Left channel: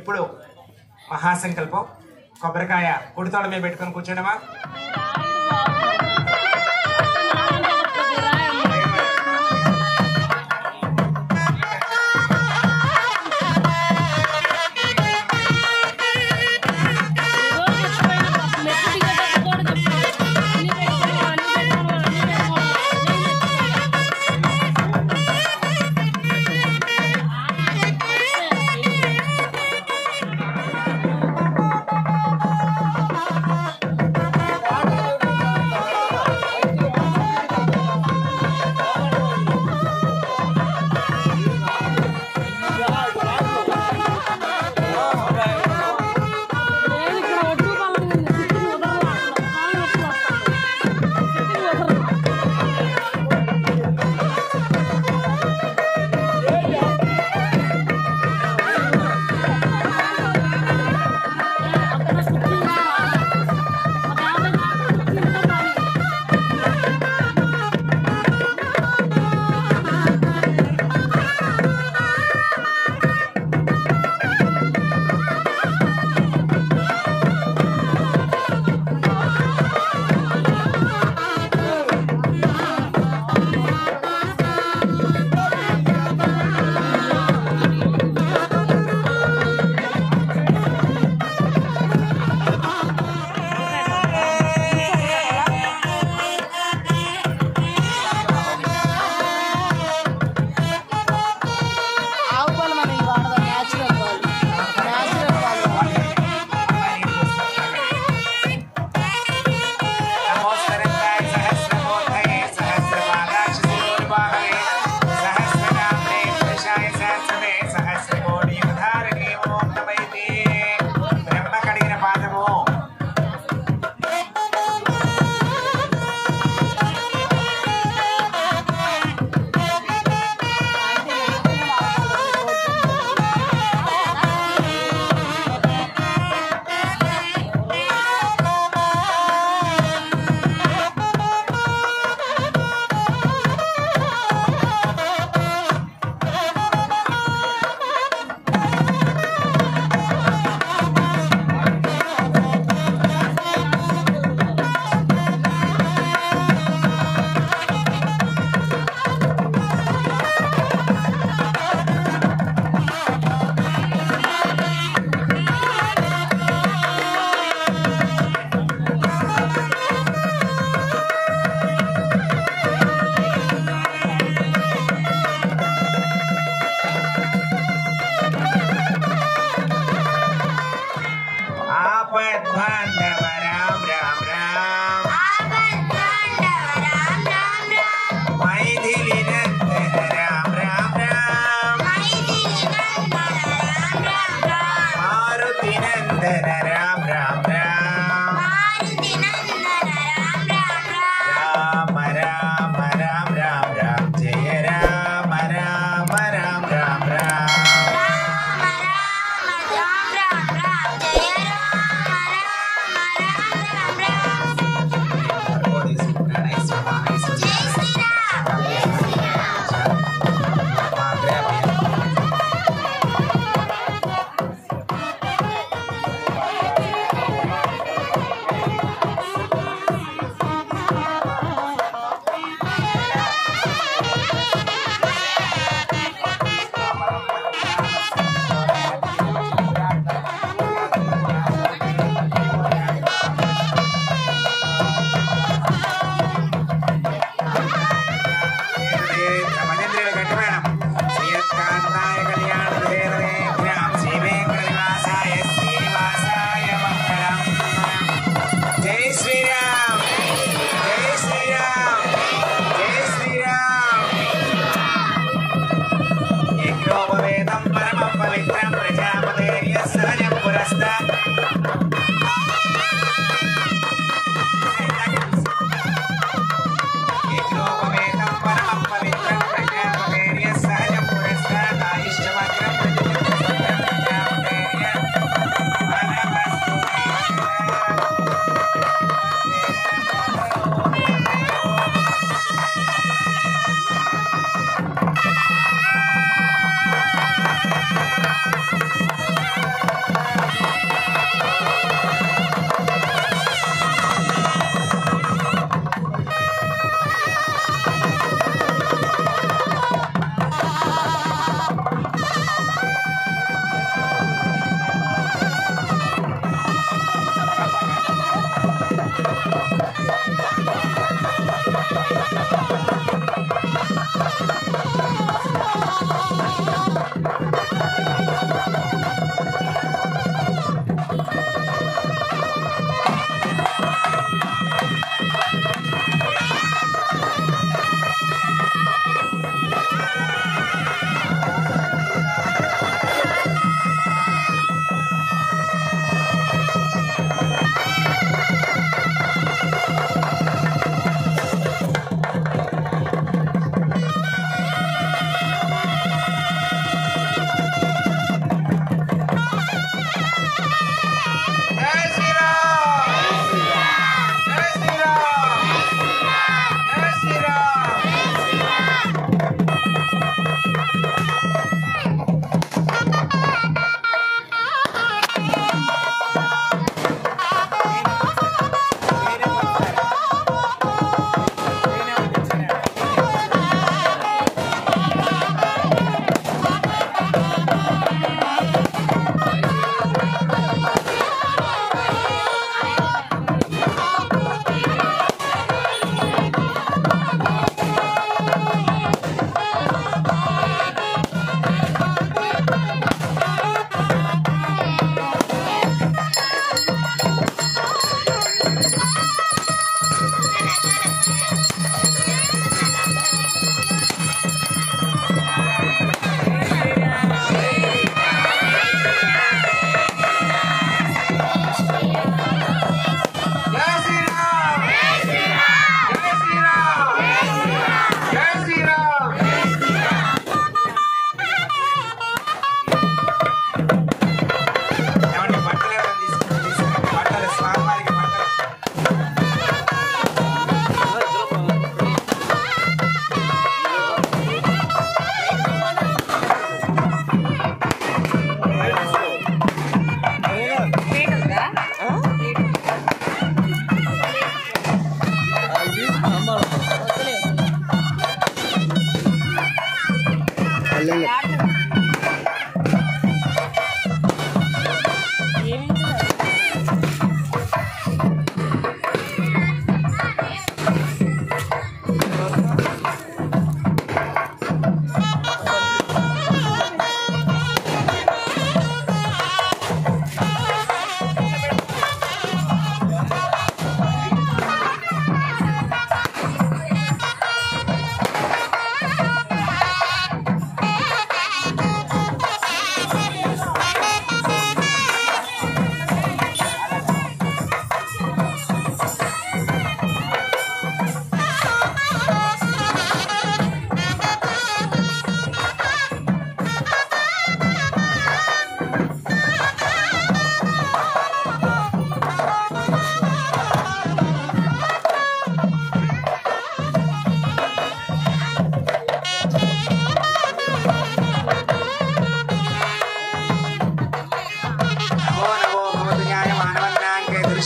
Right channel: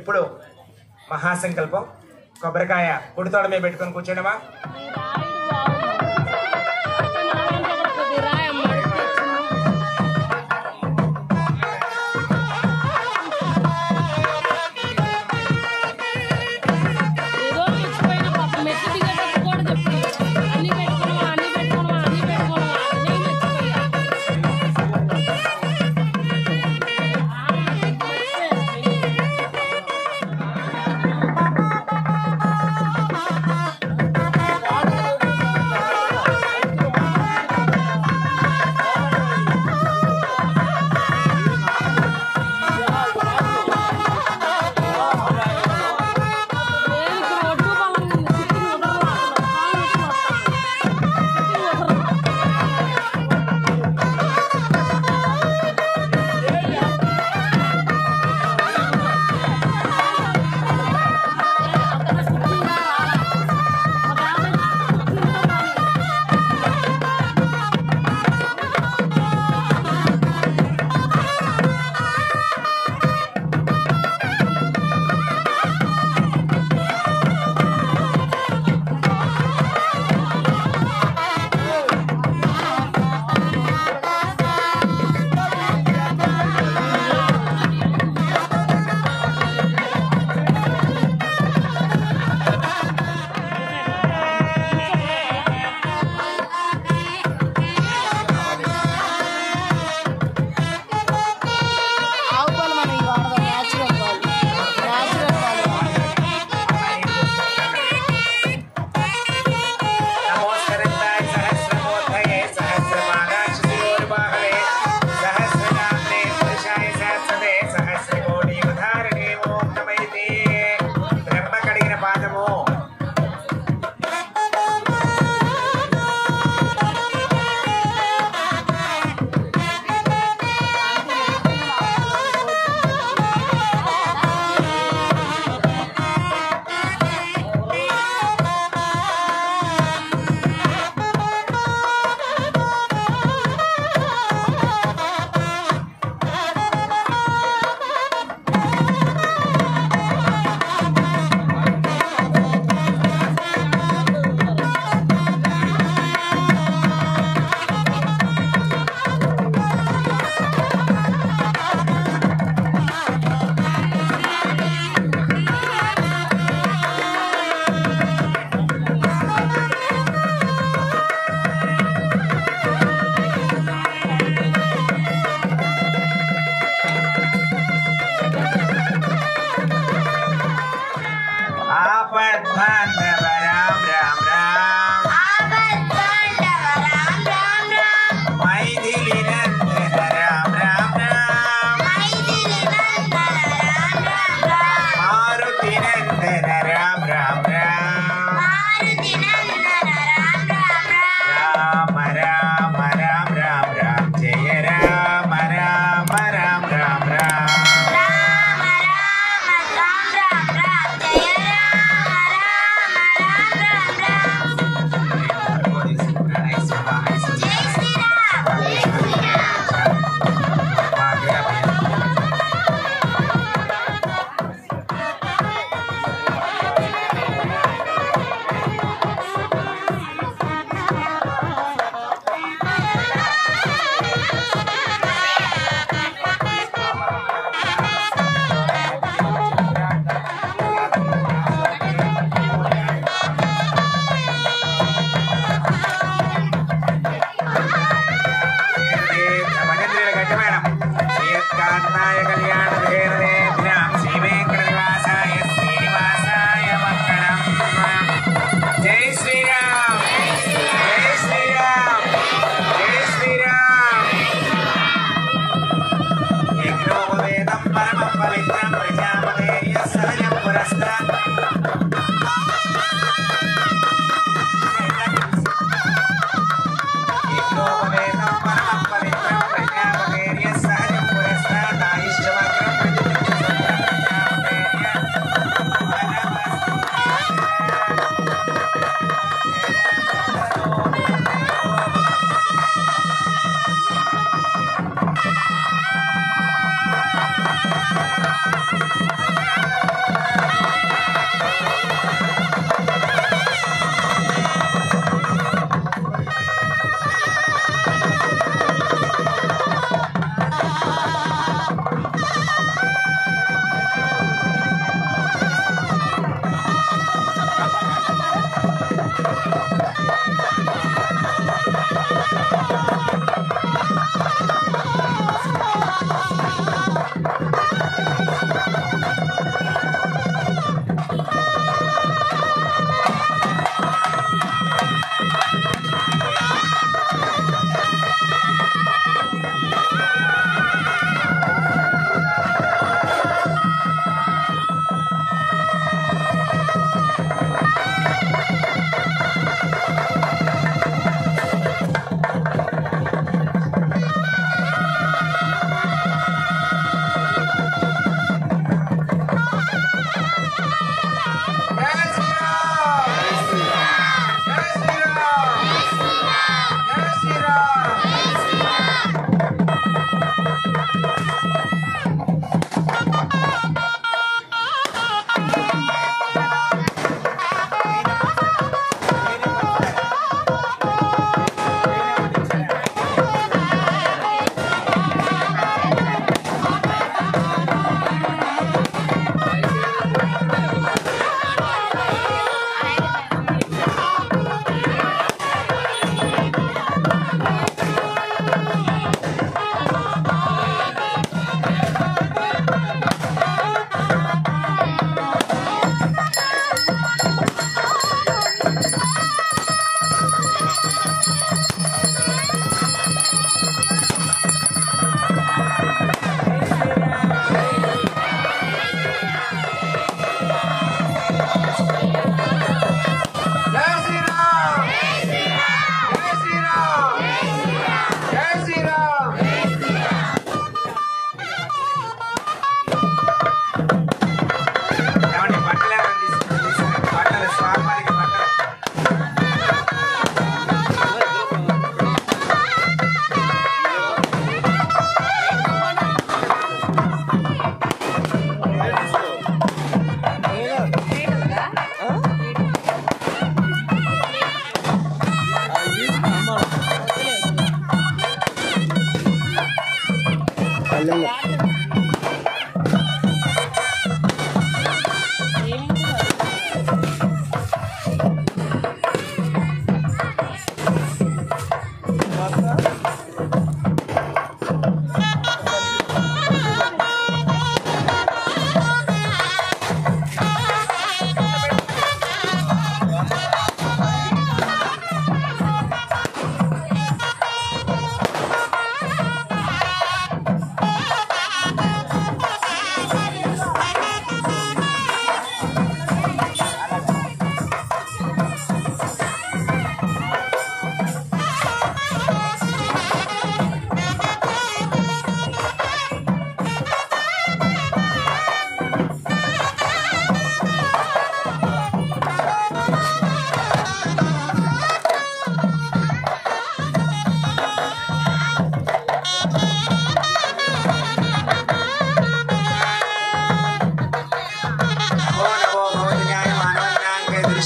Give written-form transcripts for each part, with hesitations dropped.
ఇప్పుడు మహాసంకల్పం కొబ్బరికాయ కుడితోడ మీద పెట్టుకొని కూర్చోడమా.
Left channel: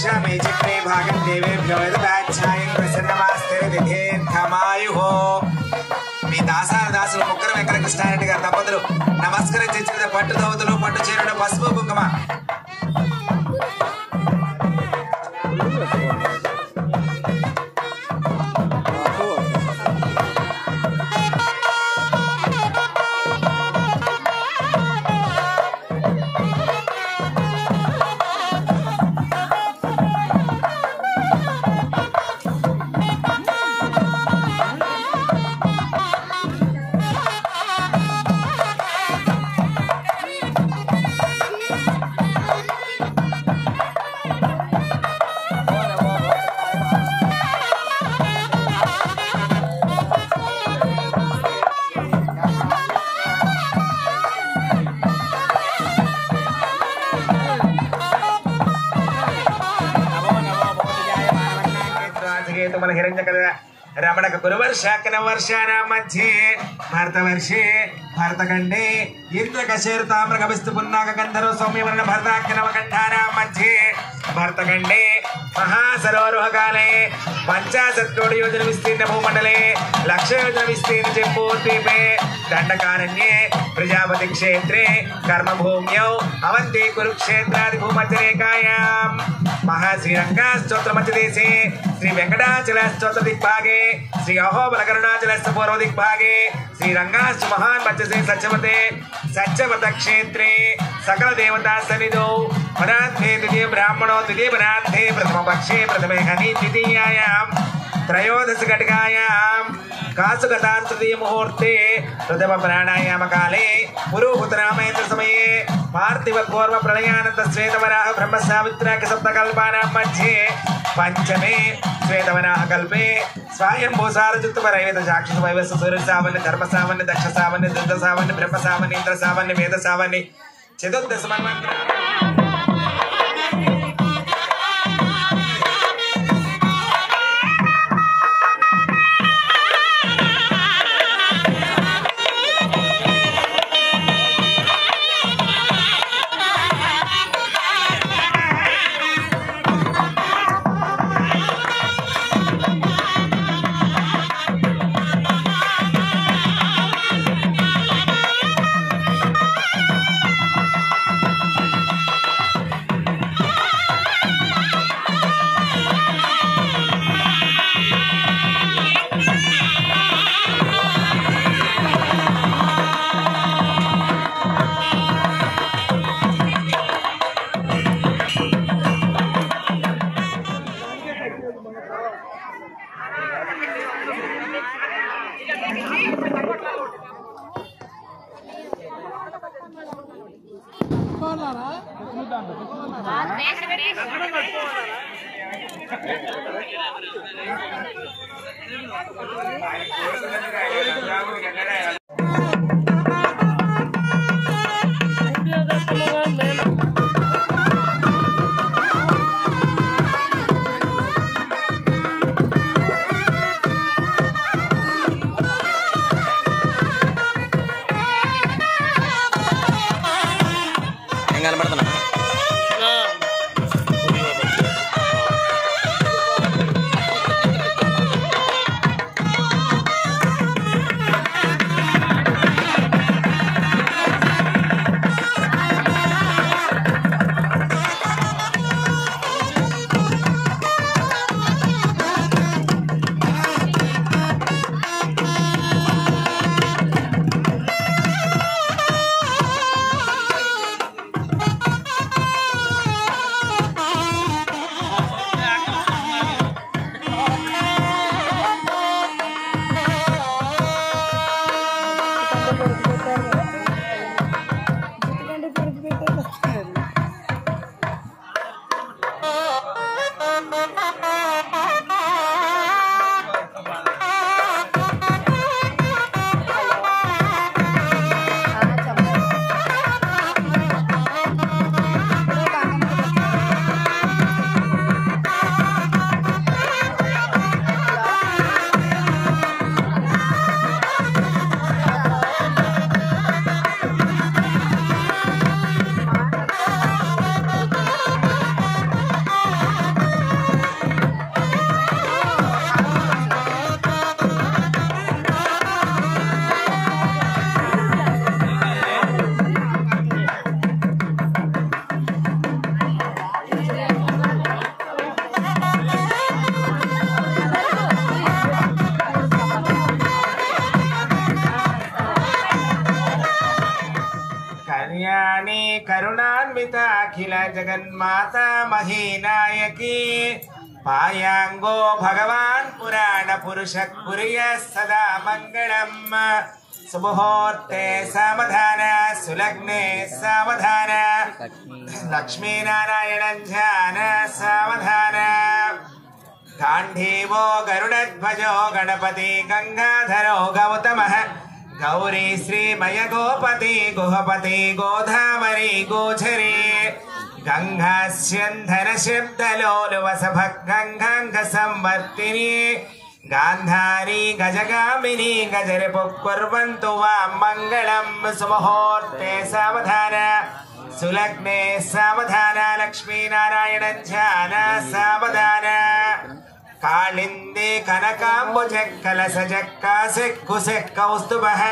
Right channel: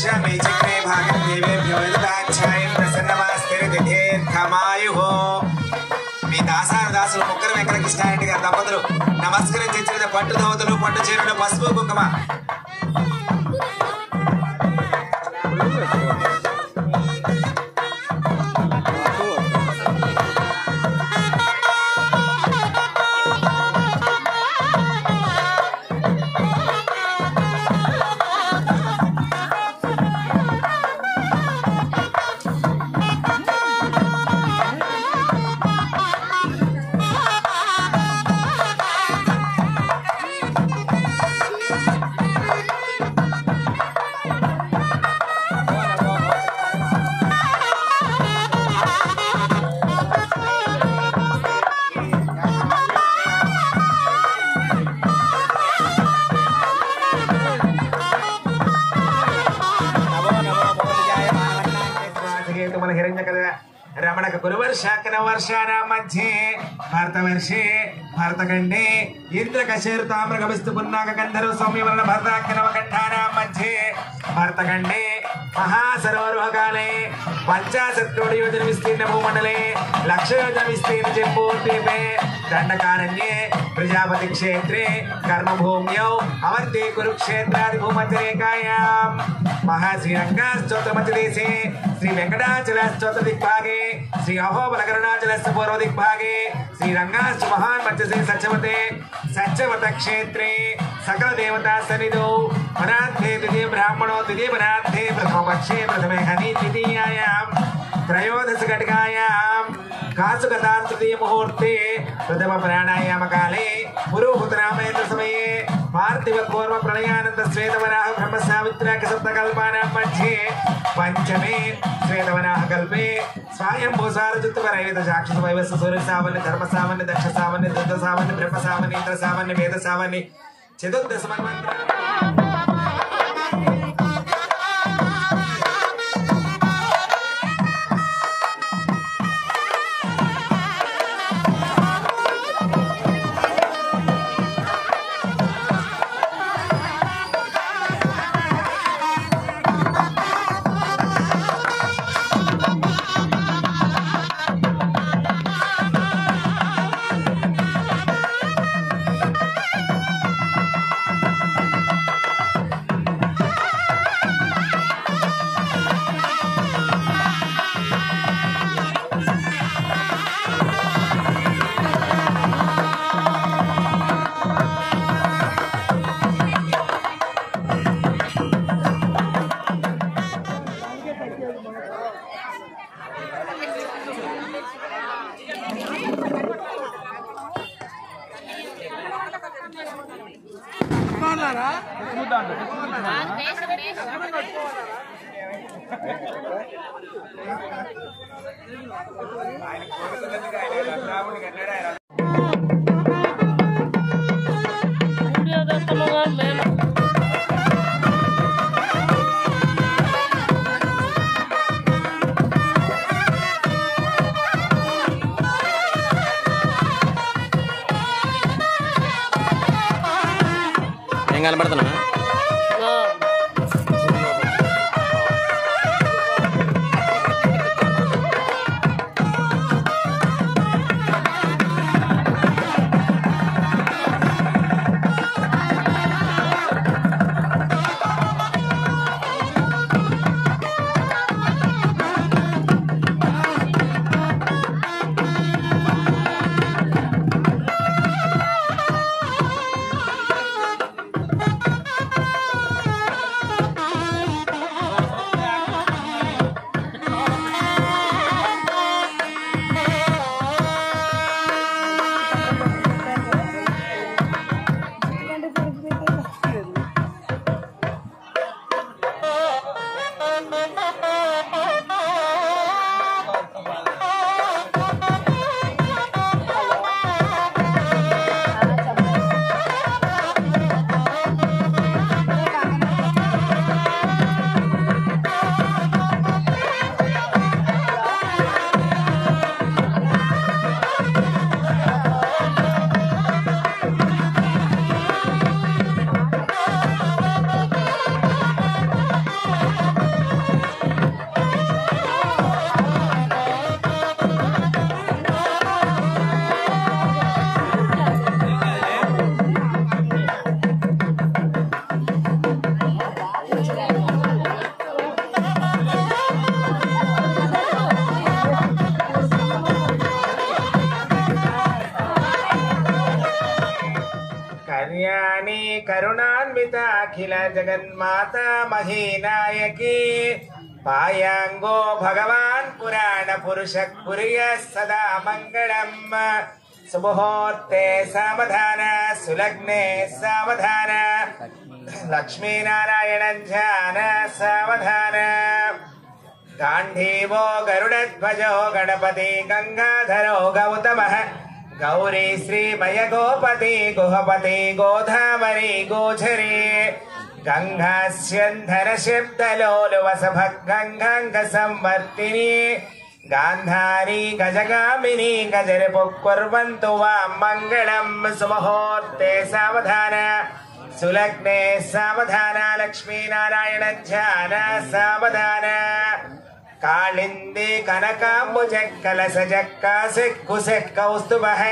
वक्ष्यामि चक्रे भागं देवेभ्यो यददाच्छायन् प्रसन्नमास्ते दीर्घमायुः మీ దాసాను ముక్కర వెంకట కృష్ణారెడ్డి గారి దంపతులు నమస్కరించిన పట్టు దోవతులు పట్టు చీరలు పసుపు కుంకుమ रमणक कुरुवर्षाकन वर्षाणां मध्ये भारतवर्षे भारतखण्डे इंद्रकशेरु ताम्रगभिस्तु पुन्नाग गन्धर्व सौम्यवर्ण भरताख्यनवकण्ठानां मध्ये भारतखण्डे महासरोवरकाले 50 कोटि योजन विस्तीर्ण भूमण्डले 1 लक्ष योजन विस्तीर्ण जम्बूद्वीपे दण्डकारण्ये प्रजापति क्षेत्रे कर्मभूम्यौ अवन्ति कुरुक्षेत्रादि भूमध्यरेखायां महाश्रीरङ्गस्तोत्रमध्यदेशे श्री वेंकटाचलस्तोत्र दिग्भागे श्री अहोबलकरुणाचलस्य पूर्व दिग्भागे श्रीरङ्गस्तु महान् मध्यसे सच्चवत क्षेत्रे सकल देवता सन्निधौ परार्थे द्वितीय ब्राह्मणो द्वितीय परार्थे प्रथम पक्षे प्रथमे हनि द्वितीयायां त्रयोदश घटिकायां कासुगतां तृतीय मुहूर्ते प्रथम प्राणायाम काले पुरोहुतरामयत्र समये पार्थिव कूर्म प्रलयानंद श्वेतवराह ब्रह्म सावित्राख्य सप्तकल्पानां मध्ये पंचमे श्वेतवराह कल्पे स्वायंभू सारजित्तवरैवत साक्षात् वैवस्य सूर्य सावन्य धर्म सावन्य दक्ष सावन्य दत्त सावन्य ब्रह्म सावन्य इंद्र सावन्य वेद सावन्य चतुर्दश मन्वन्तर अखिल जगन्माता महीनायकी पायांगो भगवान पुराण पुरुष कुर्य सदा मंगलम सुमुहूर्ते सावधान सुलग्ने सावधान लक्ष्मी नारायण ध्यान सावधान गांधीवो गरुडध्वजो गणपति गंगाधरो गौतमः गौरी श्रीमय गोपति गुहपति गोधावरी गोचरी गंगास्यंधर शिब्दलोलुवसभ गंगांग संवर्तिनी गांधारी गजगामिनी गजरिपुकुर्वन्तु वां मंगलम सुमुहूर्ते सावधान सुलग्ने सावधान लक्ष्मी नारायण ध्यान सावधान कालिंदी कनकांबुज कलश कासे कुसे कौस्तुभः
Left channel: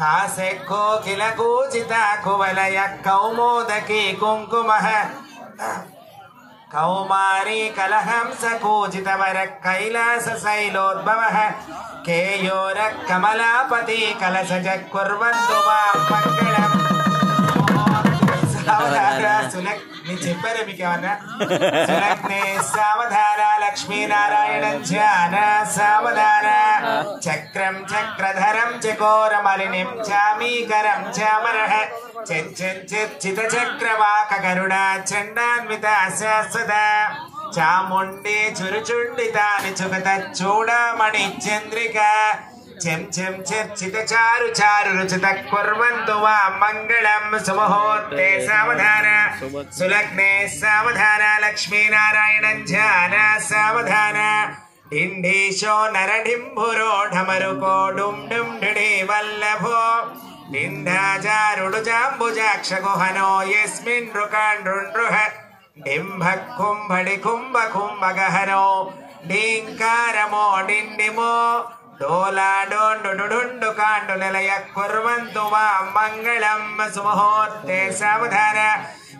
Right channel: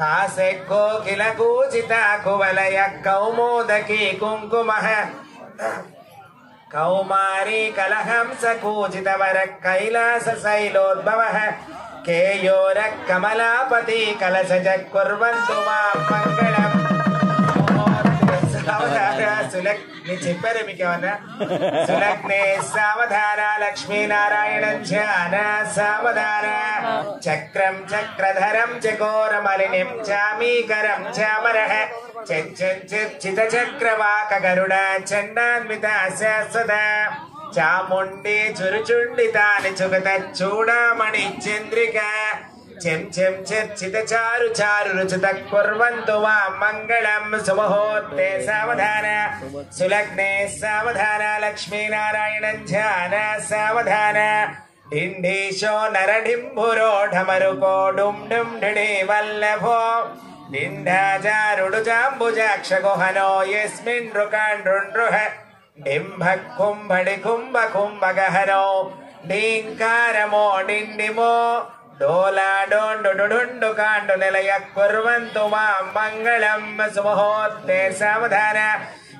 कासे कोकिल कूजिता कुवलय कौमोदकी कुंकुमः कौमारी कलहंस कूजितवर कैलास शैलोद्भवः केयोर कमलापति कलशज कुर्वन्तु वां मंगलम सुलग्ने सावधान लक्ष्मी नारायण ध्यान सावधान चक्रम चक्रधरम चकोरमलिनीं चामीकरं चामरः चित चक्रवाक गरुड़ा चंडान्विता सदा चामुंडी चुरुचुंडितानि चुगत चूड़ामणि चंद्रिका चम चम चर्चित चारु चारु रुचित कुर्वन्तु वां मंगलम सुमुहूर्ते सावधान सुलग्ने सावधान लक्ष्मी नारायण ध्यान सावधान डिंडीशो नरडिंभुरो ढमरुको डुम डुम ढिडे वल्लभो डिंडाजारुडुजाम्बुजाक्ष गुहनो यस्मिन् रुकाण्डृण्डृह डिंभः कुंभडि कुंभ कुंभगहनो डींकारमो डिंडिमो डोला डोंडु डुडुंडु कांडु निलय कुर्वन्तु वां मंगलम सुमुहूर्ते सावधान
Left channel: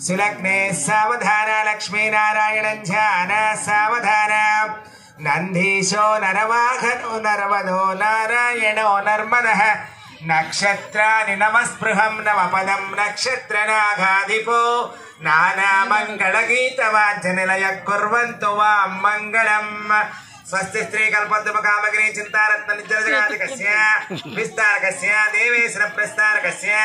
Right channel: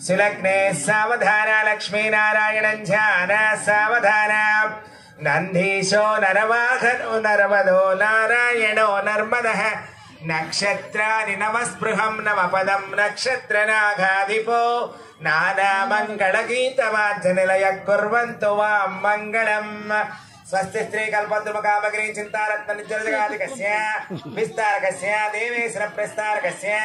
सुलग्ने सावधान लक्ष्मी नारायण ध्यान सावधान नंदीशो नरवाहनो नर्मदो नारायणो नर्मदः नक्षत्राणि नमस्पृहं नवपदं नक्षत्रनागाधिपो नानामङ्गलगीतवाद्यनिलय कुर्वन्तु वां मंगलम् स्वस्ति स्त्री कल्पद्रुम कामगिरी चिंतारत्न निजरजगादिकस्य विस्तारकस्य देवेश्वर प्रस्तारकस्य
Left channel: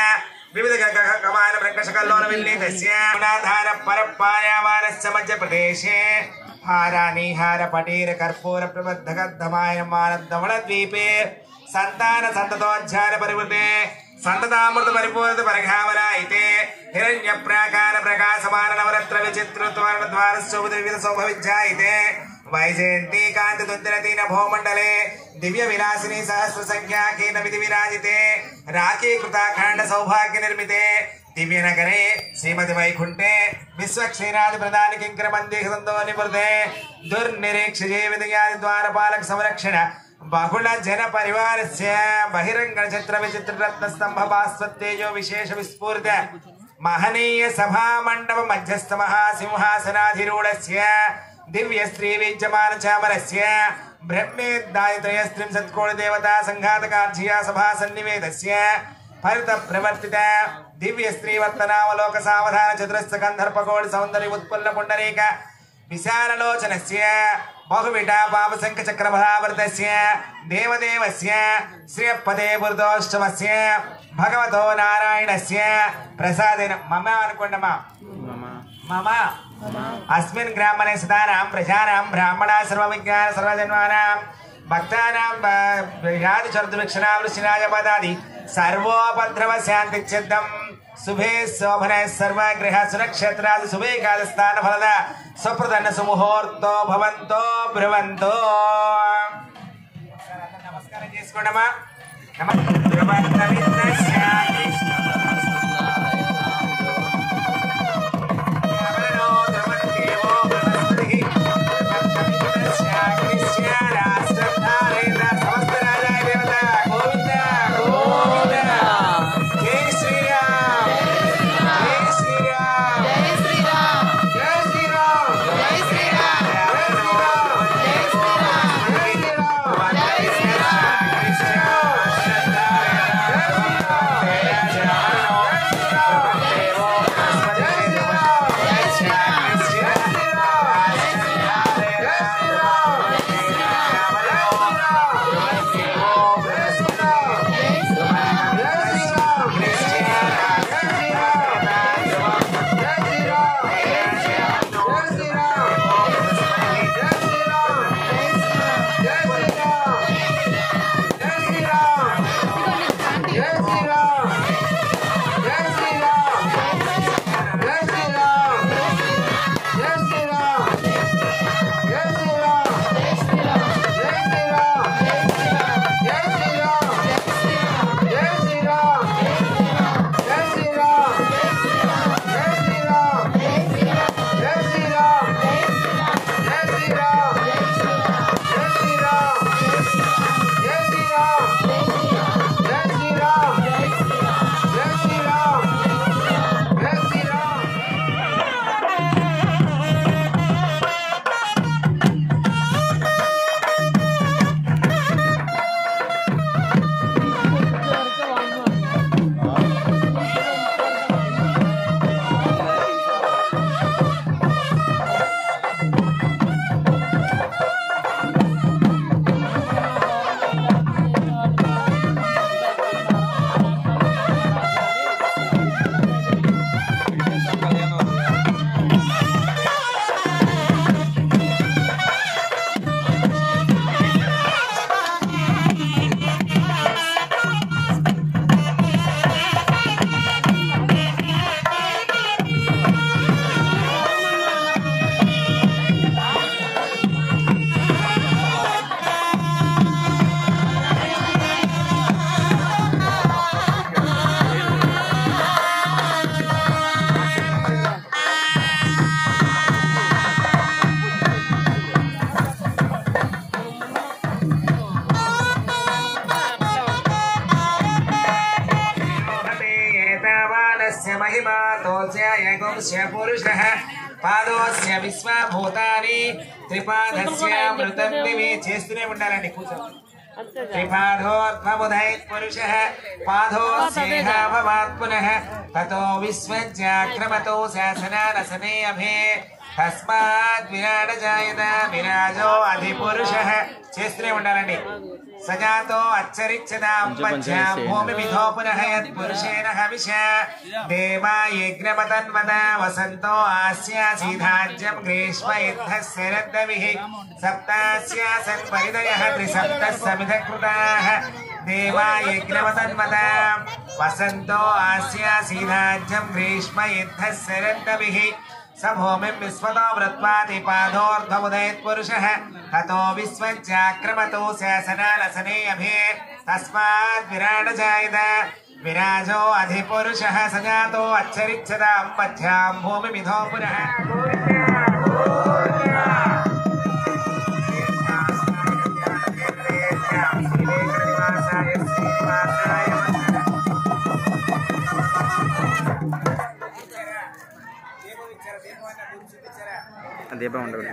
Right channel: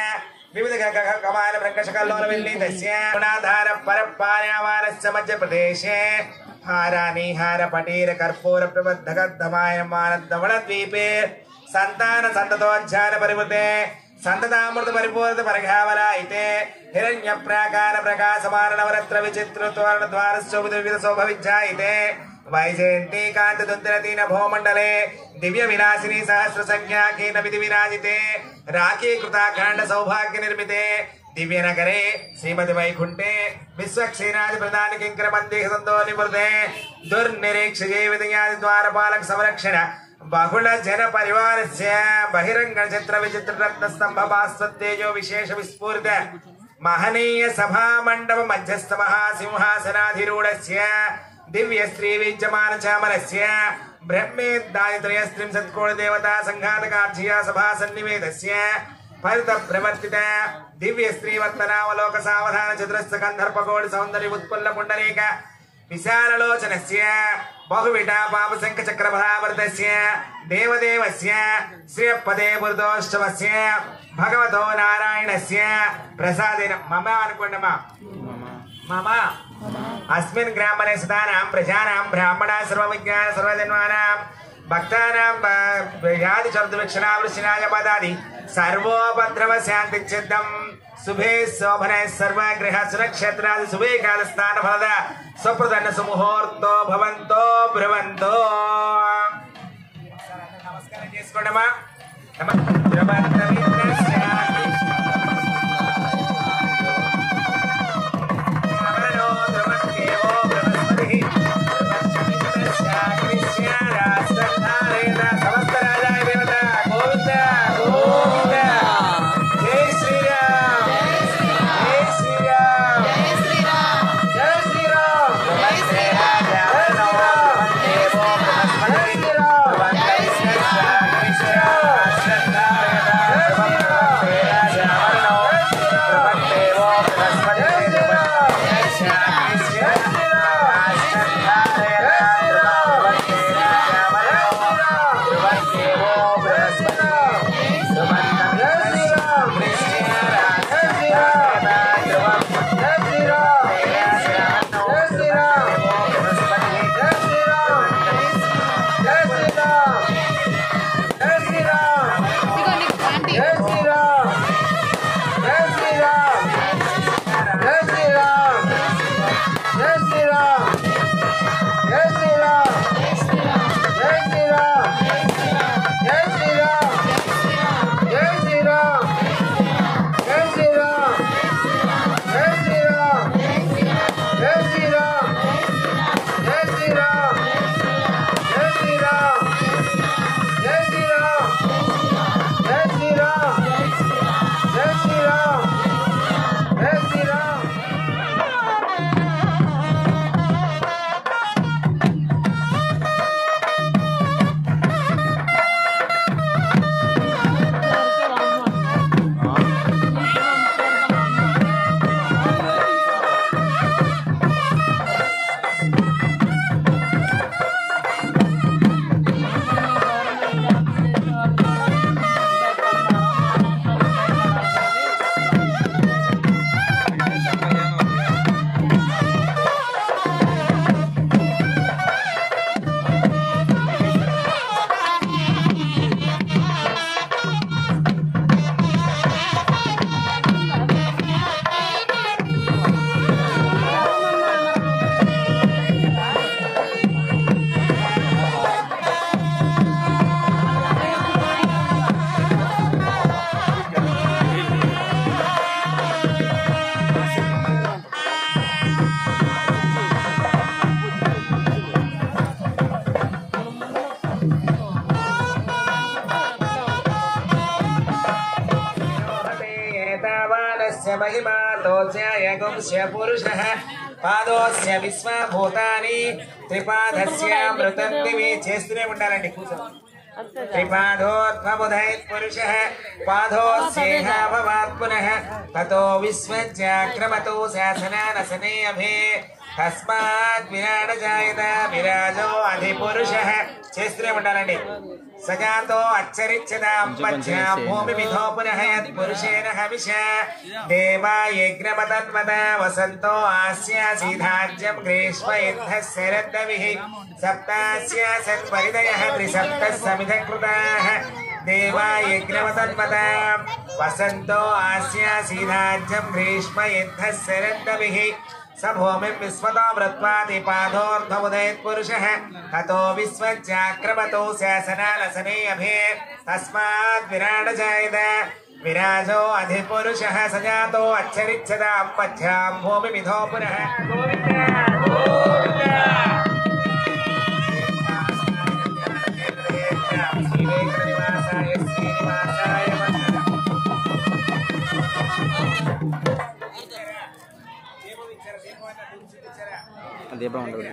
विविध कमान प्रकशकल्लोल विल्लितस्य गुणाधार परपायावारस्य मध्य प्रदेशे हारानि हार पटीर कर्पूर प्रबद्धगद्धमाय मानद्धवण द्वीपे संतान संततोज्झान परिवृते संततामृत परिपूर्त परिघावरायिते हिरण्य प्राकार प्रकाशमान नवरत्र विचित्र तोरण द्वार शोभित शोभविज्जायिते वैजयंती कांत दुंदरतीन भौमंडले दिव्य विलासिनी सहस्र संख्या केन विधि विराजिते राखी कृताखंड सौभाग्य निर्मिते दिव्य नगरे श्रीमद वैकुंठे विश्व क्षीरादि प्रदान किंकर मंदिर संतोनि मुर्दे दुर्निरीक्ष जीवितयादि द्वारपालक संरक्षण बहुल जन परिवारस्य बहिरंग चित्र विचित्र रत्न स्तंभ भास्वतेजो विशेष विस्फूर्त महनीय सभा मंडप मध्यस्थ महासिंहासनाधिरूढ़स्य दिव्य स्त्री विद्यमान चामरस्य ब्रह्मेदायत्रयस्त्रिं सत्कोण देवता संघातकार्जिया सभा सन्निवेदस्य फलित प्रवर्तित दिव्य स्त्री वर्तनावलोक सावधान चतुरस्थ गंधर्पकोटि सौंदर्य उत्पुल्ल पुंडरीक विशाललोचनस्य बहुविटा पापशंख चक्रभरावर्तस्य देवदेवस्य श्रीपदे बुर्दोष्टमस्य भगवतो नारायणस्य प्रसादेन मम अनुकोण्डमा मम अस्मिन् ग्रामणे सदानां प्रजानां ब्राह्मणा सर्वविज्ञान सर्वजन्मानां भक्तानां व्याधि चतुर्विक्षणा वृश्चिराज पदादि सर्वोपद्रव शांति चित्तम शुभे शोभने सर्वगृह सुरक्षेत्रादि शुभे कालस्थान फलद सुप्रदन सुमुहूर्तो भवन्तो ब्रुवन्तो नमस्कार చేసుకోండమా महिमा तोस्य एकंस्य पुरुषः पादोस्य विश्वभूतानि त्रिपादस्य मृतं दिवि చేస్తూనే ఉండాలండి కూర్చోండి त्रिपादोद्भवुदयत् पुरुषः पादोस्येहाभवात् पुनः ततो विश्वज्याक्रमतो शासनानसने अभे तस्मात् विराट जायत विराजो अधिपुरुषः చేస్తూనే ఉండాలండి सजातो अच्चरिच्छदां पश्यां भूमिविधो पुनः यत् पुरुषेण हविष देवा यज्ञपतन्वता वसन्तो आस्यासीधाज्यं ग्रीष्म इद्धः शरद्दविः सप्तास्य सत्परिदयः त्रिसप्तः समिधकृताः देवा यज्ञपतन्वता वसन्तो आस्यासीधाज्यं ग्रीष्म इद्धः शरद्दविः सभूमिं विश्वतो वृत्वादिपादोर्धमुदयत् पुरुषः ततो विश्वज्याक्रमतो शासनानसने अभे तस्मात् विराट जायत विराजो अधिपुरुषः सजातो अच्छरिच्छदां पथ्यां भूमिविधो पुनः దీపం ఉండదు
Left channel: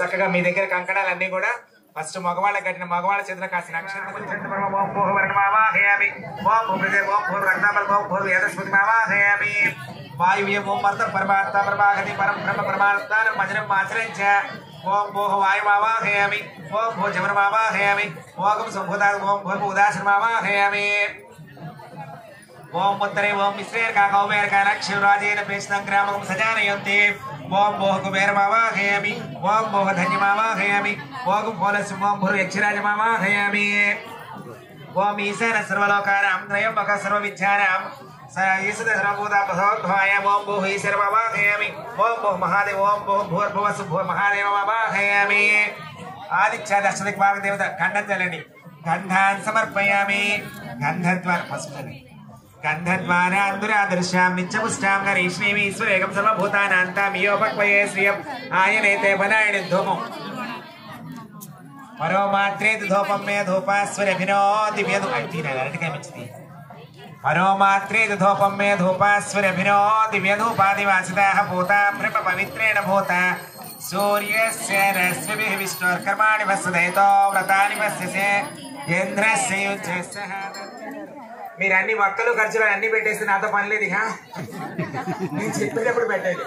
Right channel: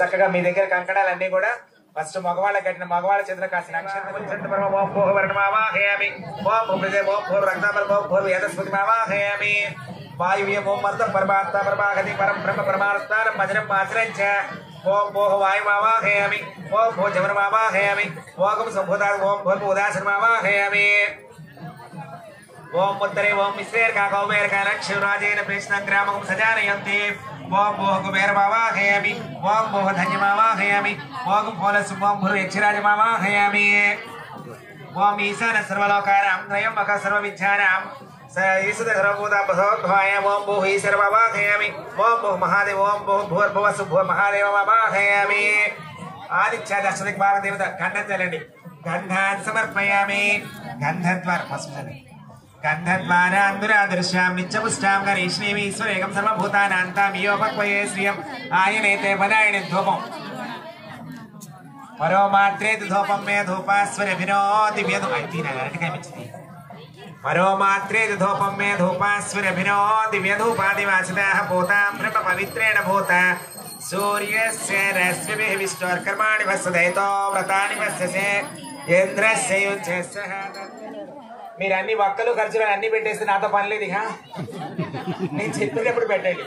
చక్కగా మీ దగ్గర కంకణాలన్నీ కూడా ఫస్ట్ మగవాళ్ళ కట్టిన మగవాళ్ళ చేతుల కాసిన వాయువ్యం ఓం వర్ధ పరమాత్మ పరమాగతి పరం బ్రహ్మ పరమాత్మానం మధురం ఆచరించ ఓం భోహ వాయుమావాహయామి ఓం భో జవనమావాహయామి ఓం సంభూతా ఓం భూర్భూదాసనమావాహయామి ओम उत्तरे ओम मिश्रेर का कौमेर का लक्ष्यराजेन प्रेष्णं ग्रामं सजानयन्ते ओम मोह कुबेर मावाहयामि ओम मोह धन्य मावाहयामि ओम फलस ओम भुर यक्षराज मावाहयामि ओम ईशान सर्वलोकानां त्रयम्बक सर्वविद्यानां ईशद सर्वभूता भगवद्भाय ओम भूः ईश्वर मावाहयामि ओम भूः महादेव ओम भूः भूर्भुवः सुभुः महादेव मावाहयामि आदित्य दशदिक्पाल देवता गन्धत्वलनि गन्धान् समर्पयामि गन्धद्वार पस्मनि गन्धद्वारान्दुरादर्शां नित्यपुष्टां गरीष्णीमीश्वरेकं सर्वभूतानान्तां योपक्वये श्रियम् आयनेते पदायिनि धूपम् परो मात्रे धूपं मे धूपास्वरभिनो दिव्यधूपैतीनगरटिकमिच्छति परो मात्रे धूपं मे धूपास्वरभिनो दिव्यधूपादिवासिताः भूता पवित्रेण भूता सूर्यस्य रश्मिभिः विष्णोर्कर्माणि वसुदयतो व्रतानि वस्यसे चन्द्रस्य युज्यस्य మీరు అన్ని వక్కలు ఖర్చులు అన్ని పెట్టేస్తే నాతో పని లేదు ఇక నేను చెప్పినప్పుడు పెట్టండి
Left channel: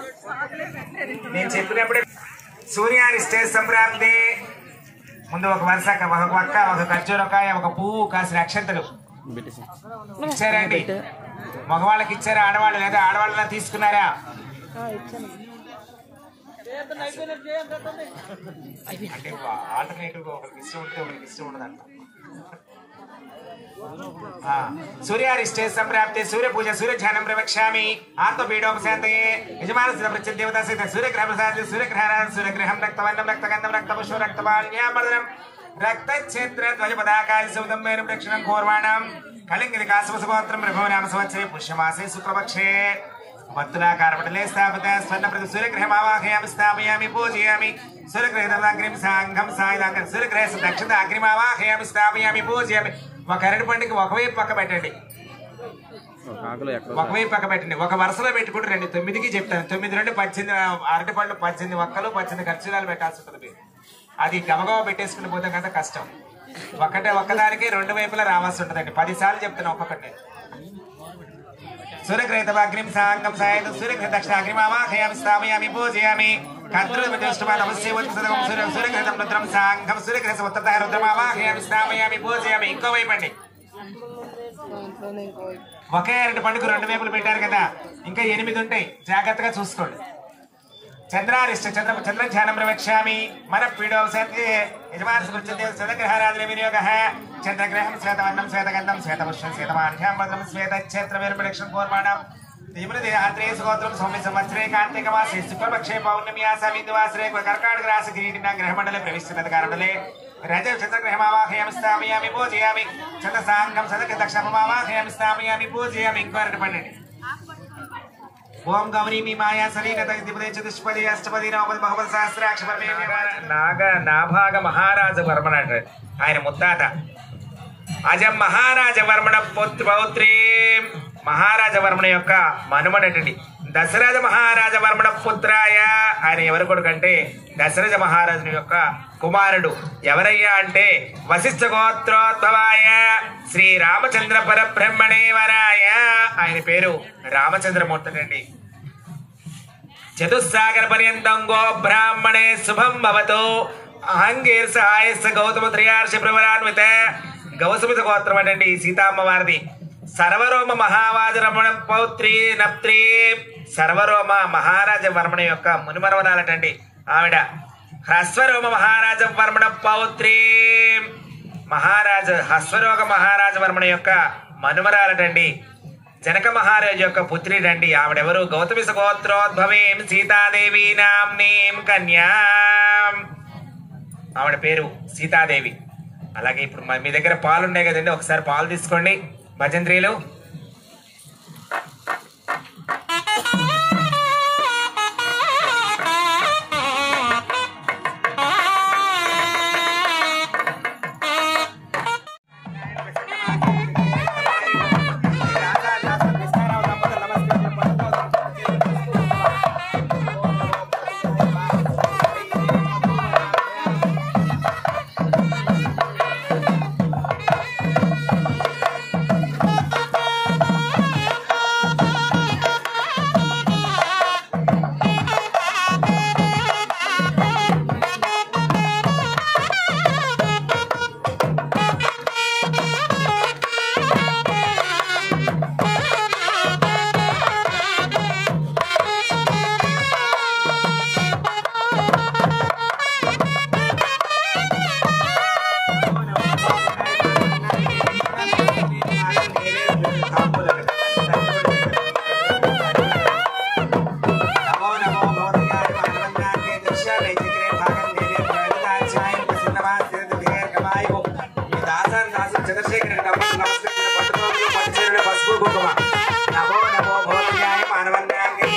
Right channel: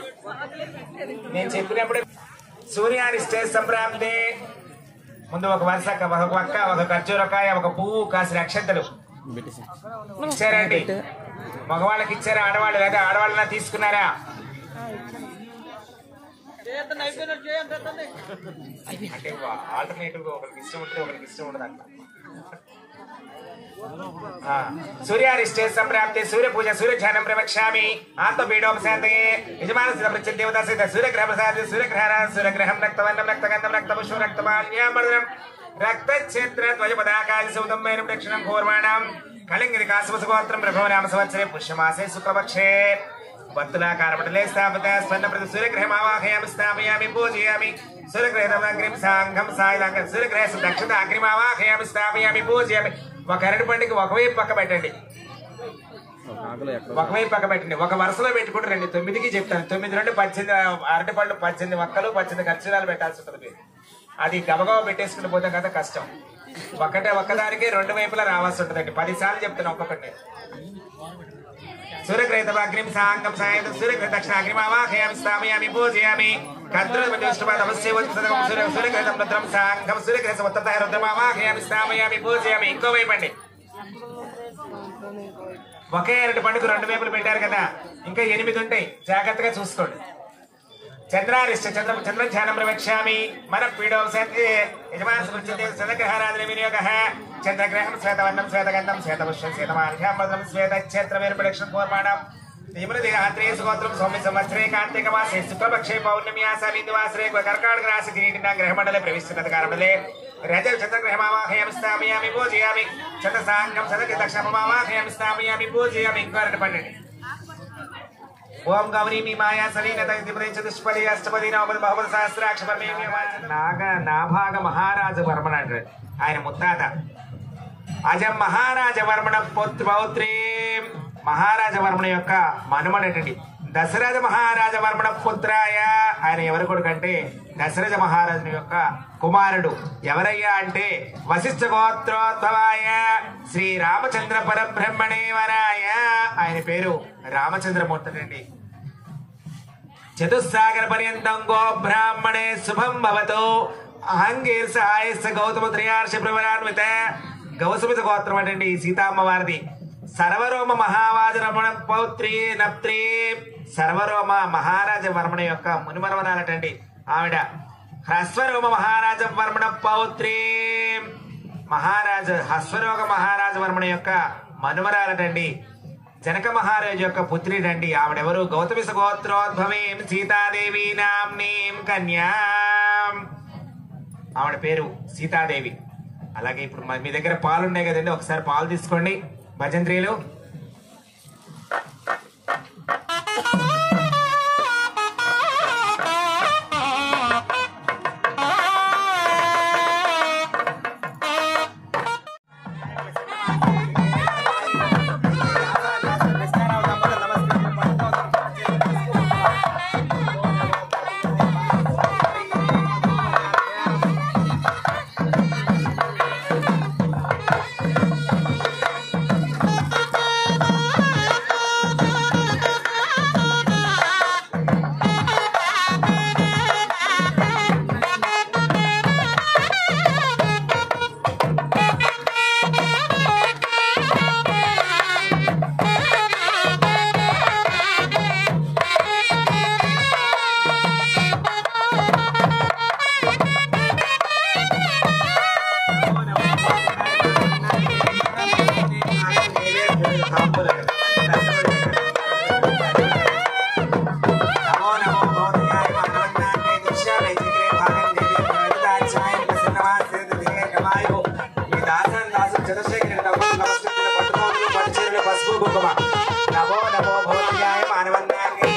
నేను చెప్పినప్పుడే సూర్యారిష్టే సంప్రాప్తి ముందు ఒక వరుస ఒక వక్క ఒక ఖర్జూరకాయ ఒక పువ్వు కాసిన అక్షంతలు ఇచ్చారండి మగవాళ్ళకి ఇచ్చారా ఆడవాళ్ళు లేదా ఆడవాళ్ళ తీసుకున్నారా ఆల్టర్నేటివ్ గా ఒకరికి ఇష్టం ఉంటే ఒకరికి ఇష్టం ఉండదు అంట सूर्यारिष्टे संप्राप्ते सूर्य पूजा सूर्य ध्यानं प्रवक्ष्यामि आत्मपीडों शान्तये यजमानस्य प्रत्यदेवता सहित सूर्यग्रह प्रसाद सूर्यग्रहणां सूर्यग्रहं रक्तवर्णं रक्तगन्धं रक्तपुष्पं रक्तपाण्यामर्दनं रक्तक्षेत्र ध्वजपदाकाय सौदं मेरुं दक्षिणं घोर्वाणां कलिङ्गिरिकासवसगोत्रं प्रभो नाम संवत्सरे पुष्यमासे शुक्लपक्षे वर्तुलाकारपटले स्थापित स्वर्णप्रति सूर्यग्रहमावाहयामि स्थापयामि पूजयामि सूर्यग्रहदलाग्रिं साङ्घं सायलाग्रिं सूर्यग्रह दक्षिణ అగ్నిమావాహయామి స్థాపయామి పూజయామి ఒక అరటి పండుగ ఒకవైపు పక్క పెట్టండి ఒకవైపు పక్క పెట్టండి ఒక వరుసలో పెట్టుకుంటే రండి 9కి చెప్తాను 9 నుండి 18 అరటి పళ్ళు 18 ఒక్కలు 18 ఖర్చురాలు పెట్టాల్సి ఉంటుంది అది గబగబ పెట్టేసుకుని పోతే కదా కష్టం ఒక్కదానికి రెండు వైపులా రావాల్సి ఉంటుందండి 10 సార్లు చెప్తాను ఒక్కొక్కటి सूर्यग्रहदलाग्रिं साङ्घं सायलाग्रिं सूर्यग्रह दक्षिण అగ్నిమావాహయామి స్థాపయామి పూజయామి ఇంకో వైపండి ఒకే అరటి పండుగ రెండు వైపులు పెట్టారు కదా ఇంకా 8 ఉంటాయి జాగ్రత్తగా చూసుకోండి చంద్రారిష్ట చంద్రధ్యానం ప్రవక్ష్యామి మన పీడో సత్యే యజమానసుకుంచతే చంద్రగ్రహారాధన వినియోగ చంద్రగ్రహం శ్వేతవర్ణం శ్వేతగంధం శ్వేతపుష్పం శ్వేతమాల్యాం శ్వేతక్షేత్రవేర్పడక్షం పూర్వాణం ीमृदेहात्रे सुगोत्रम सौम्य संवत्सरे कार्तिक मासे शुक्लपक्षे पौर्णमी आसामिन्द्वासरे कर्काटक राशि किरीटिना ग्रहमण्डले प्रविश्य तत्कारणमण्डले रजव चन्द्रग्रहमावाहयामि स्थापयामि पूजयामि शतसाङ्गं सदति दक्षमावाहयामि स्थापयामि पूजयामि इंकोरट पन्नेंडि ओम गौरी माया सलीन तदिपदे चतुष्पदी अष्टपदी नवपदी बहुपद सहस्राक्ष परमेश्वर नाग नाभाग महाराज वर्मन ఆయన ముత్తాత అజం మహారాజ వర్మణ పౌత్రి మహారాజవర్మణ యొక్క మనుమడటండి దశరథ మహారాజవర్మణ పుత్రాయ ఆయన ఎవరి కొడుకంటే దశరథ మహారాజుని యొక్క కుమారుడు ఎవరయ్యా అంటే వశిష్ఠ గోత్రోద్భవాయ శ్రీ రామచంద్ర పరబ్రహ్మణే వరాయ ఆయన పేరు రామచంద్రమూర్తి అండి చతుస్సాగర పర్యంతం గో బ్రాహ్మణే శుభం భవతు అహంగీర్స ఆయస్స గౌతమ త్రియార్ష ప్రవరాన్విత గౌతమిత గోత్రం అండి సీతామ్మ వారిది సర్వరోమ మహారాజ రమణ పౌత్రి నప్త్రి సర్వరోమ మహారాజ వర్మణ యొక్క మునిమరవరాలటండి ఆవిడ హ్రస్వరోమ మహారాజ వర్మణ పౌత్రి మహారాజ హస్వరోగ మహారాజ వర్మణ యొక్క మనుమరాలటండి జనక మహారాజు యొక్క పుత్రిడండి ఆవిడెవరు గౌతమి గోత్రోద్భవేం సీతాదేవి నామ్నీం కన్యా ఆవిడ పేరు సీతాదేవి అలాగే ఇప్పుడు మీ దగ్గర పాలు ఉన్నాయి కదండి ఒకసారి పాలు తీసుకోండి భజంత్రీలు नमो नमो भवत्याय मानवन्याङ्गे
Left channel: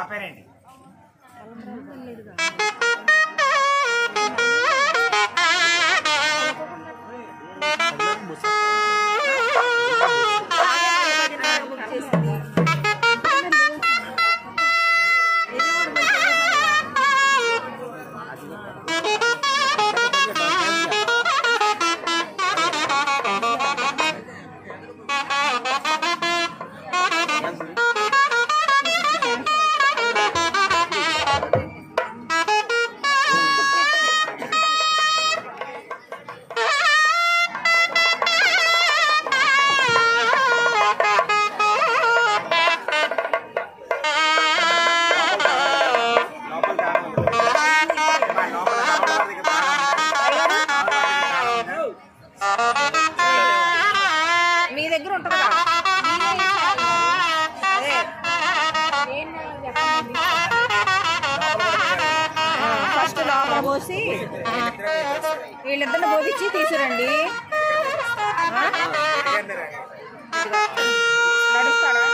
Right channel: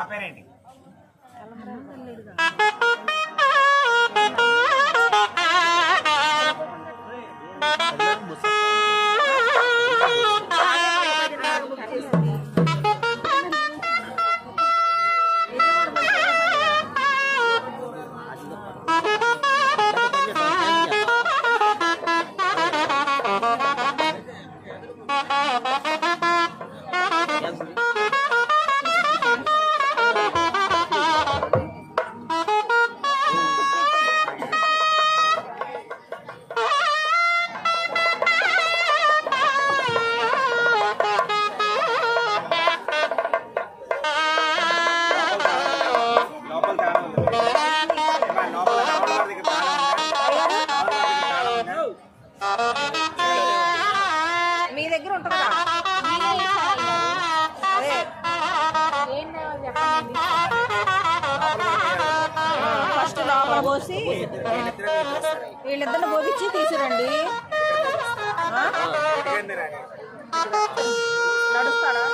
ఆపేనండి. మీ దగ్గర ఉంటుంది కదా ఫస్ట్ లోపల పోసి వీళ్ళిద్దరిని పోపించి తీసుకురండి. నడుస్తాడా?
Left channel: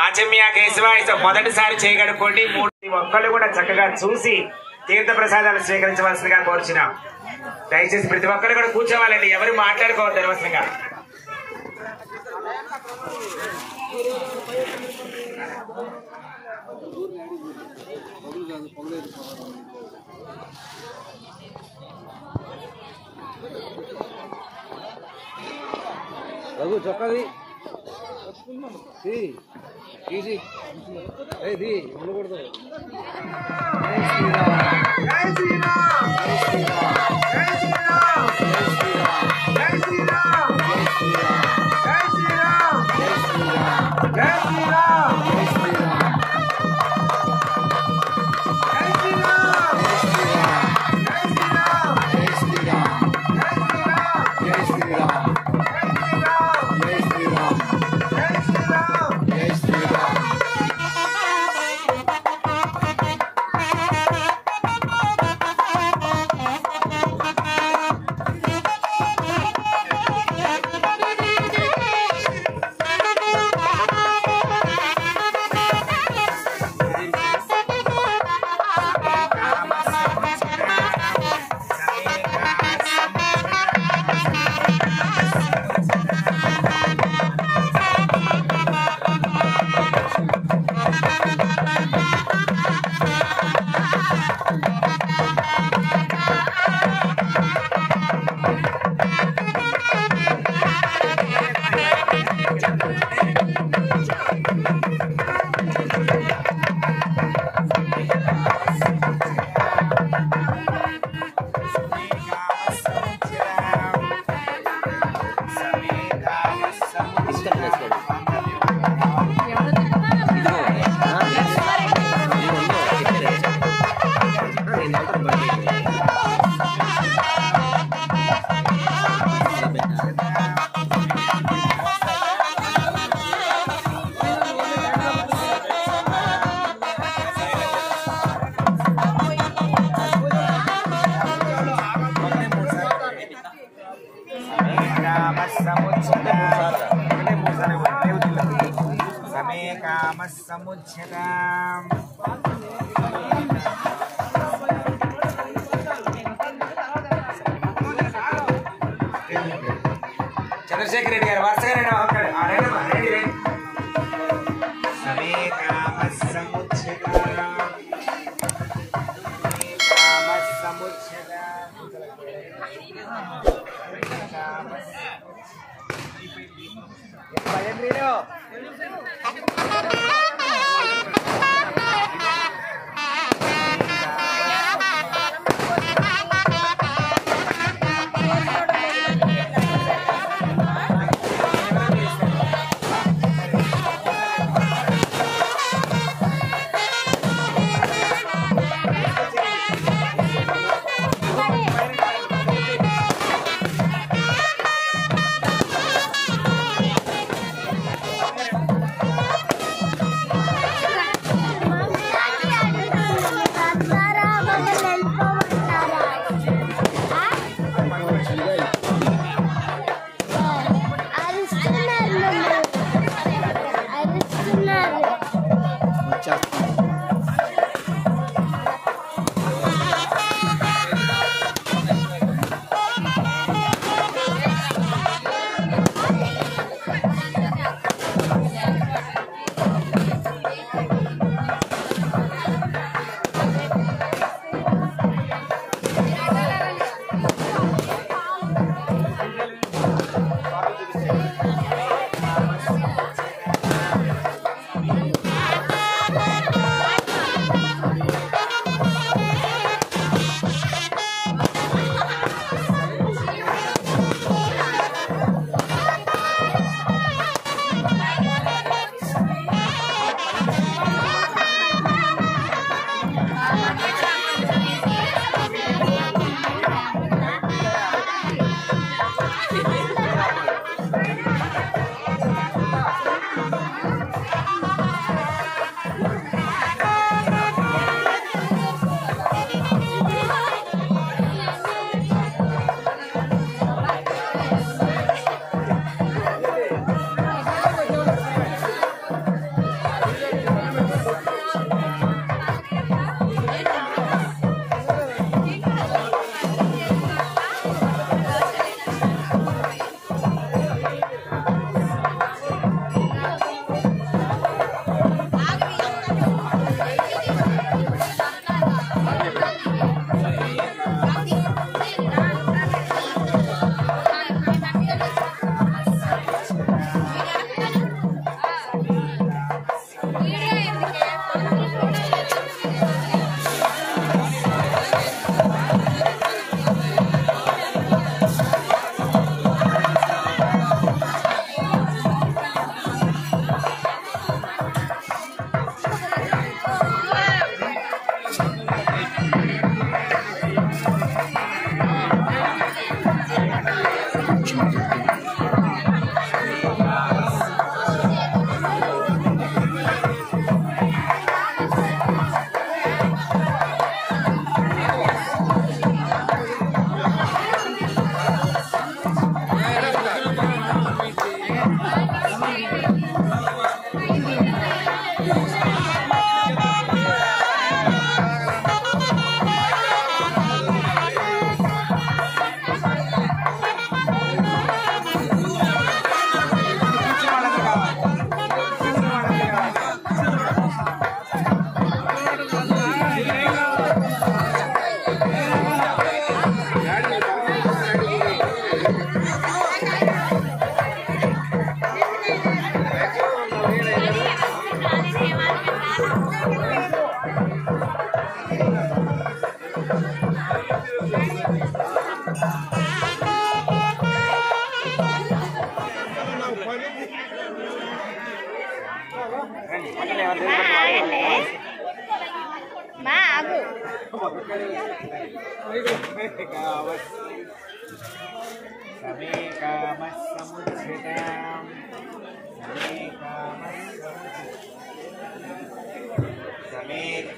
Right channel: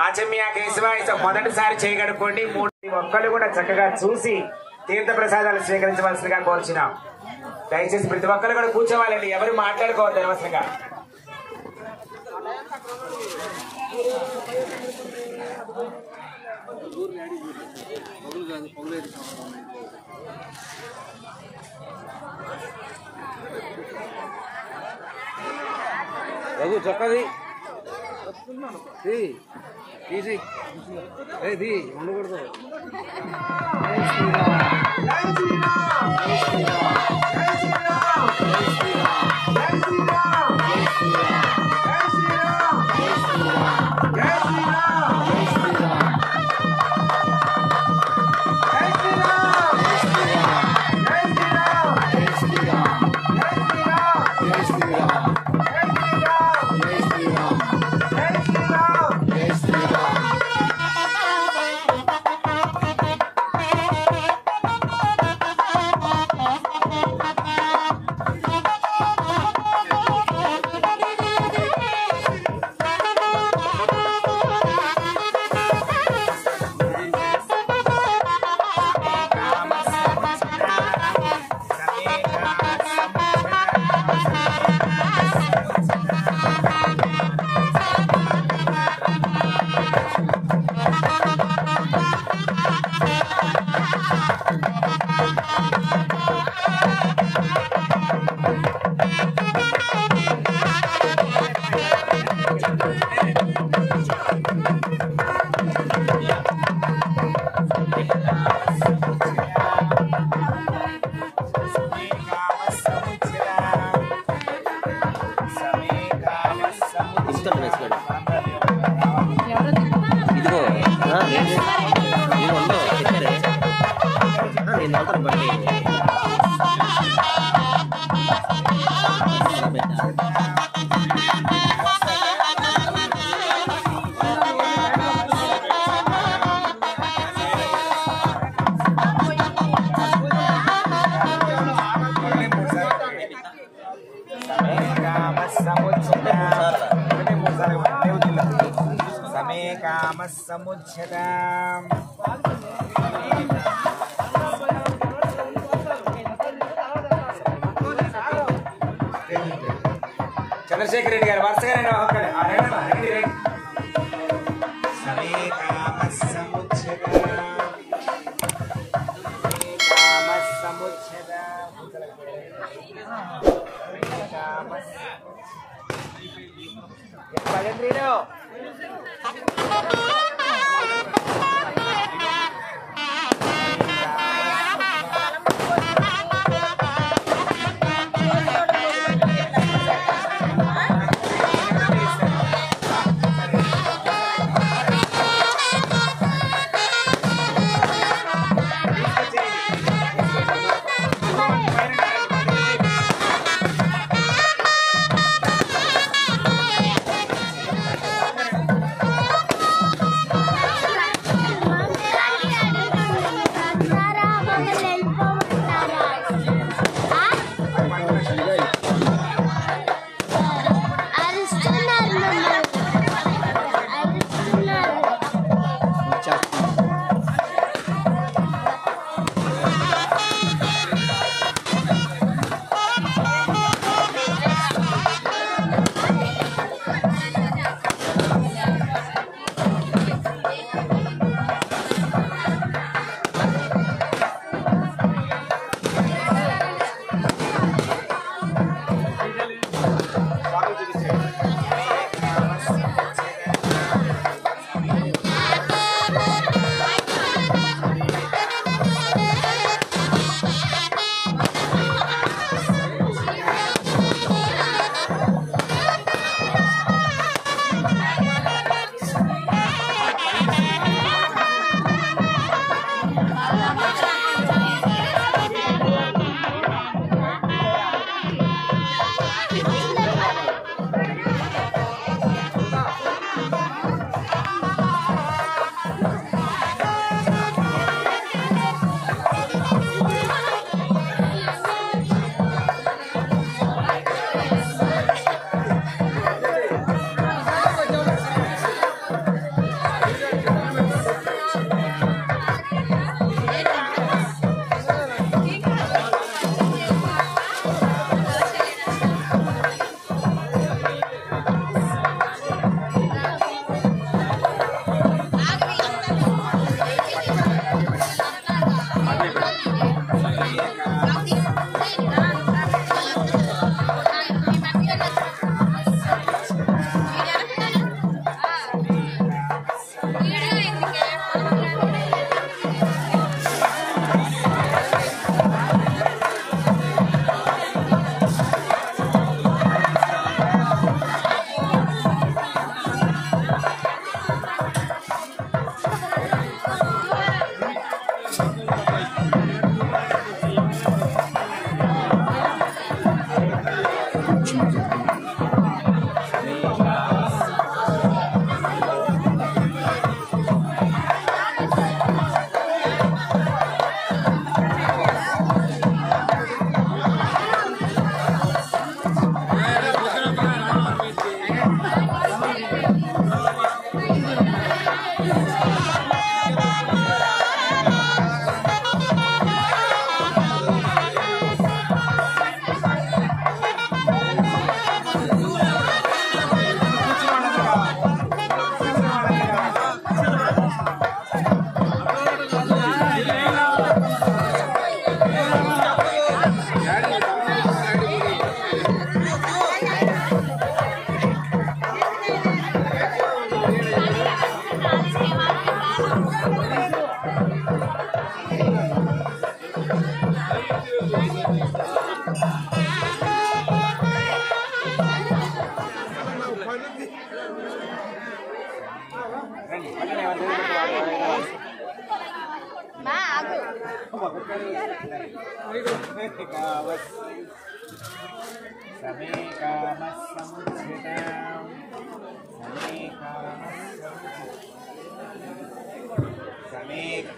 ఆచమ్య కేశవ మొదటిసారి చేయగడుకోండి. ఒక్కళ్ళు కూడా చక్కగా చూసి తీర్థ ప్రసాదాలు స్వీకరించవలసిందిగా కోరుచున్నాం. దయచేసి ప్రతి ఒక్కరు కూడా కూర్చోవాలండి, ఎవరు మాట్లాడుకోవద్దు అనవసరంగా. చక్కది శ్రీరామ్. సముచ్చతం చంద్రశేఖర్ రెడ్డి గారు వరుసగా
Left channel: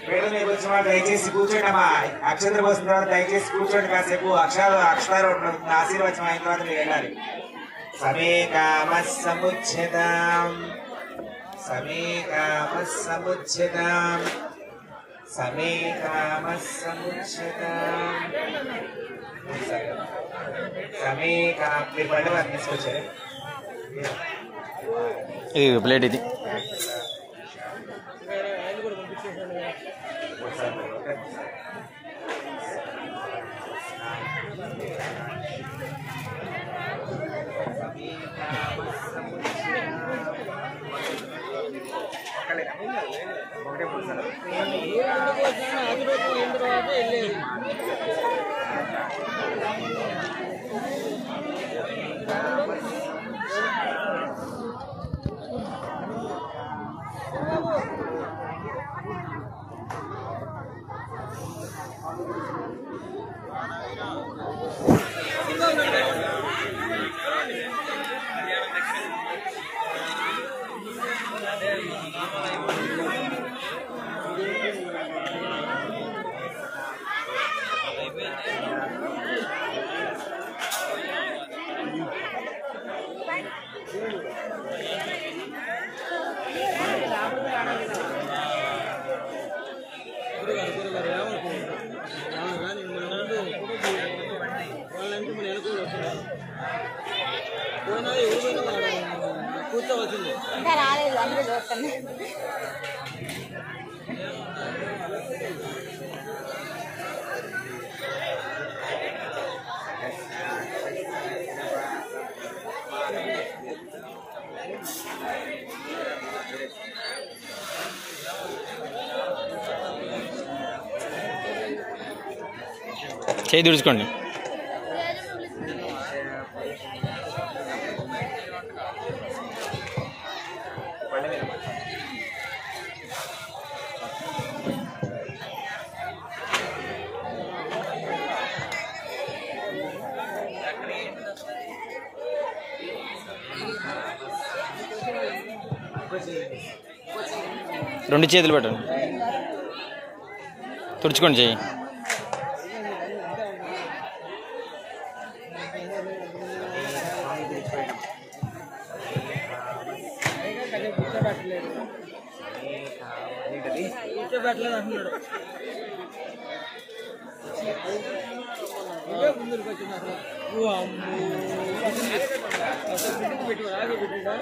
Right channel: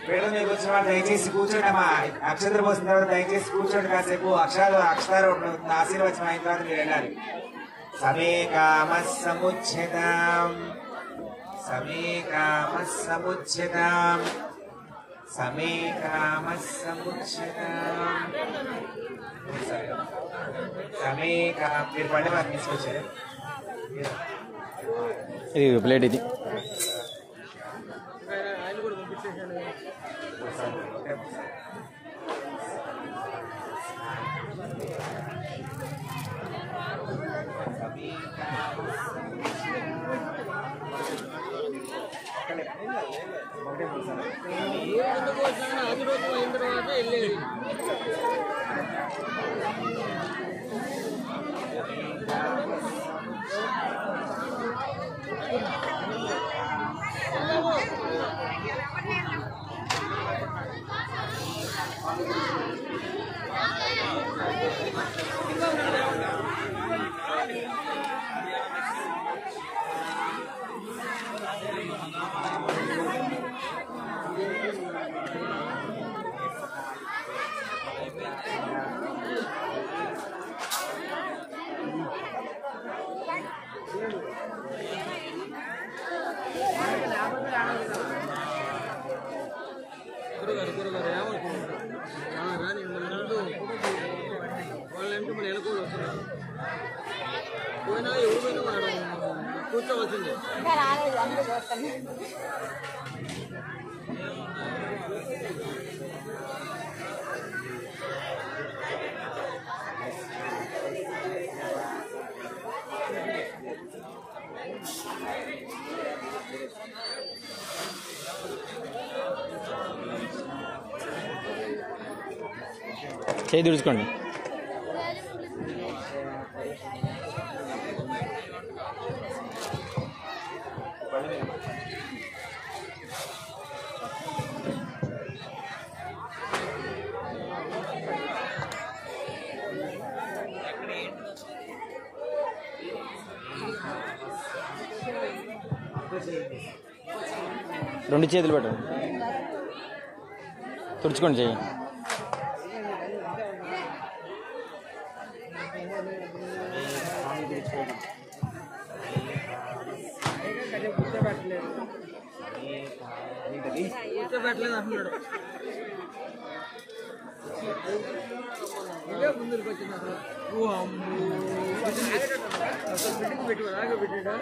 వేడు మీకు వచ్చిన వాళ్ళు దయచేసి కూర్చోండి అమ్మా. అక్షంతరం వస్తున్న తర్వాత దయచేసి కూర్చోండి కాసేపు. అక్షరాలు ఆశీర్వచనం అయిన తర్వాత మీరు వెళ్ళాలి. సమే కామ సముచ్ఛేదం సమే కామ సముచ్ఛేదం సమే కామ సముచ్ఛేదం సమే కామ. మీరు పండుగ వారిని తీసుకొచ్చారు. ఇది ప్లేట్ ఇది కూర్చోవచ్చింది. చేయి తుడుచుకోండి. రెండు చేతులు పెట్టండి, తుడుచుకోండి చెయ్యి. కూర్చోబెట్టలేదు అంటున్నాడు. ముందుకు వచ్చింది అసలు పెట్టి ఆగే పెట్టాడా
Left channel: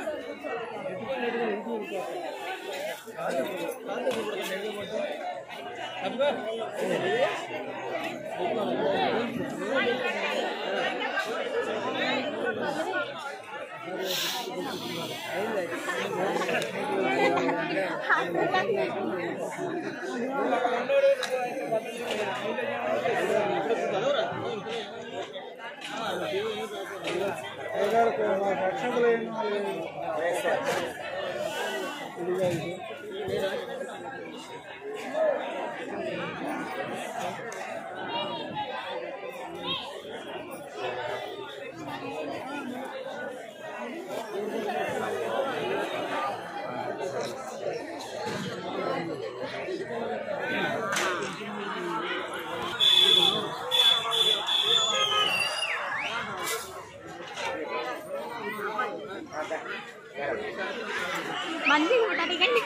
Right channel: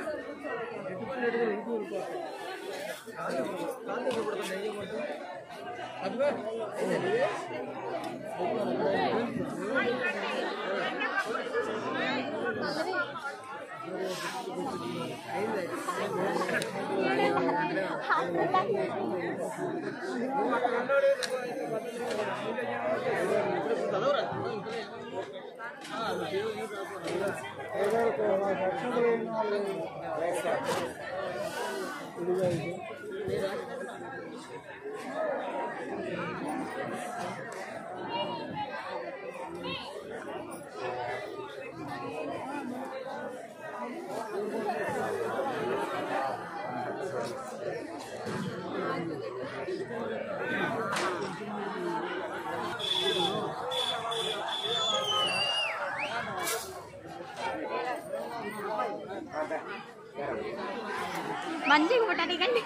మంచిగా ముట్టడికండి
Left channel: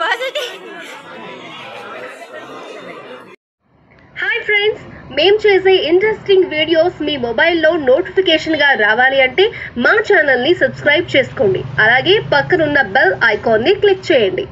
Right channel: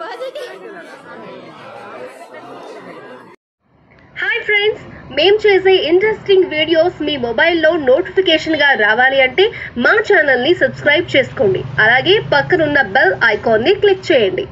పాజిటివ్. హాయ్ ఫ్రెండ్స్, మేము చేసే ఇంట్రెస్టింగ్ వీడియోస్ మీ మొబైల్లో నోటిఫికేషన్గా రావాలి అంటే మా ఛానల్ని సబ్స్క్రైబ్ చేసుకోండి. అలాగే పక్కనున్న బెల్ ఐకాన్ని క్లిక్ చేయండి.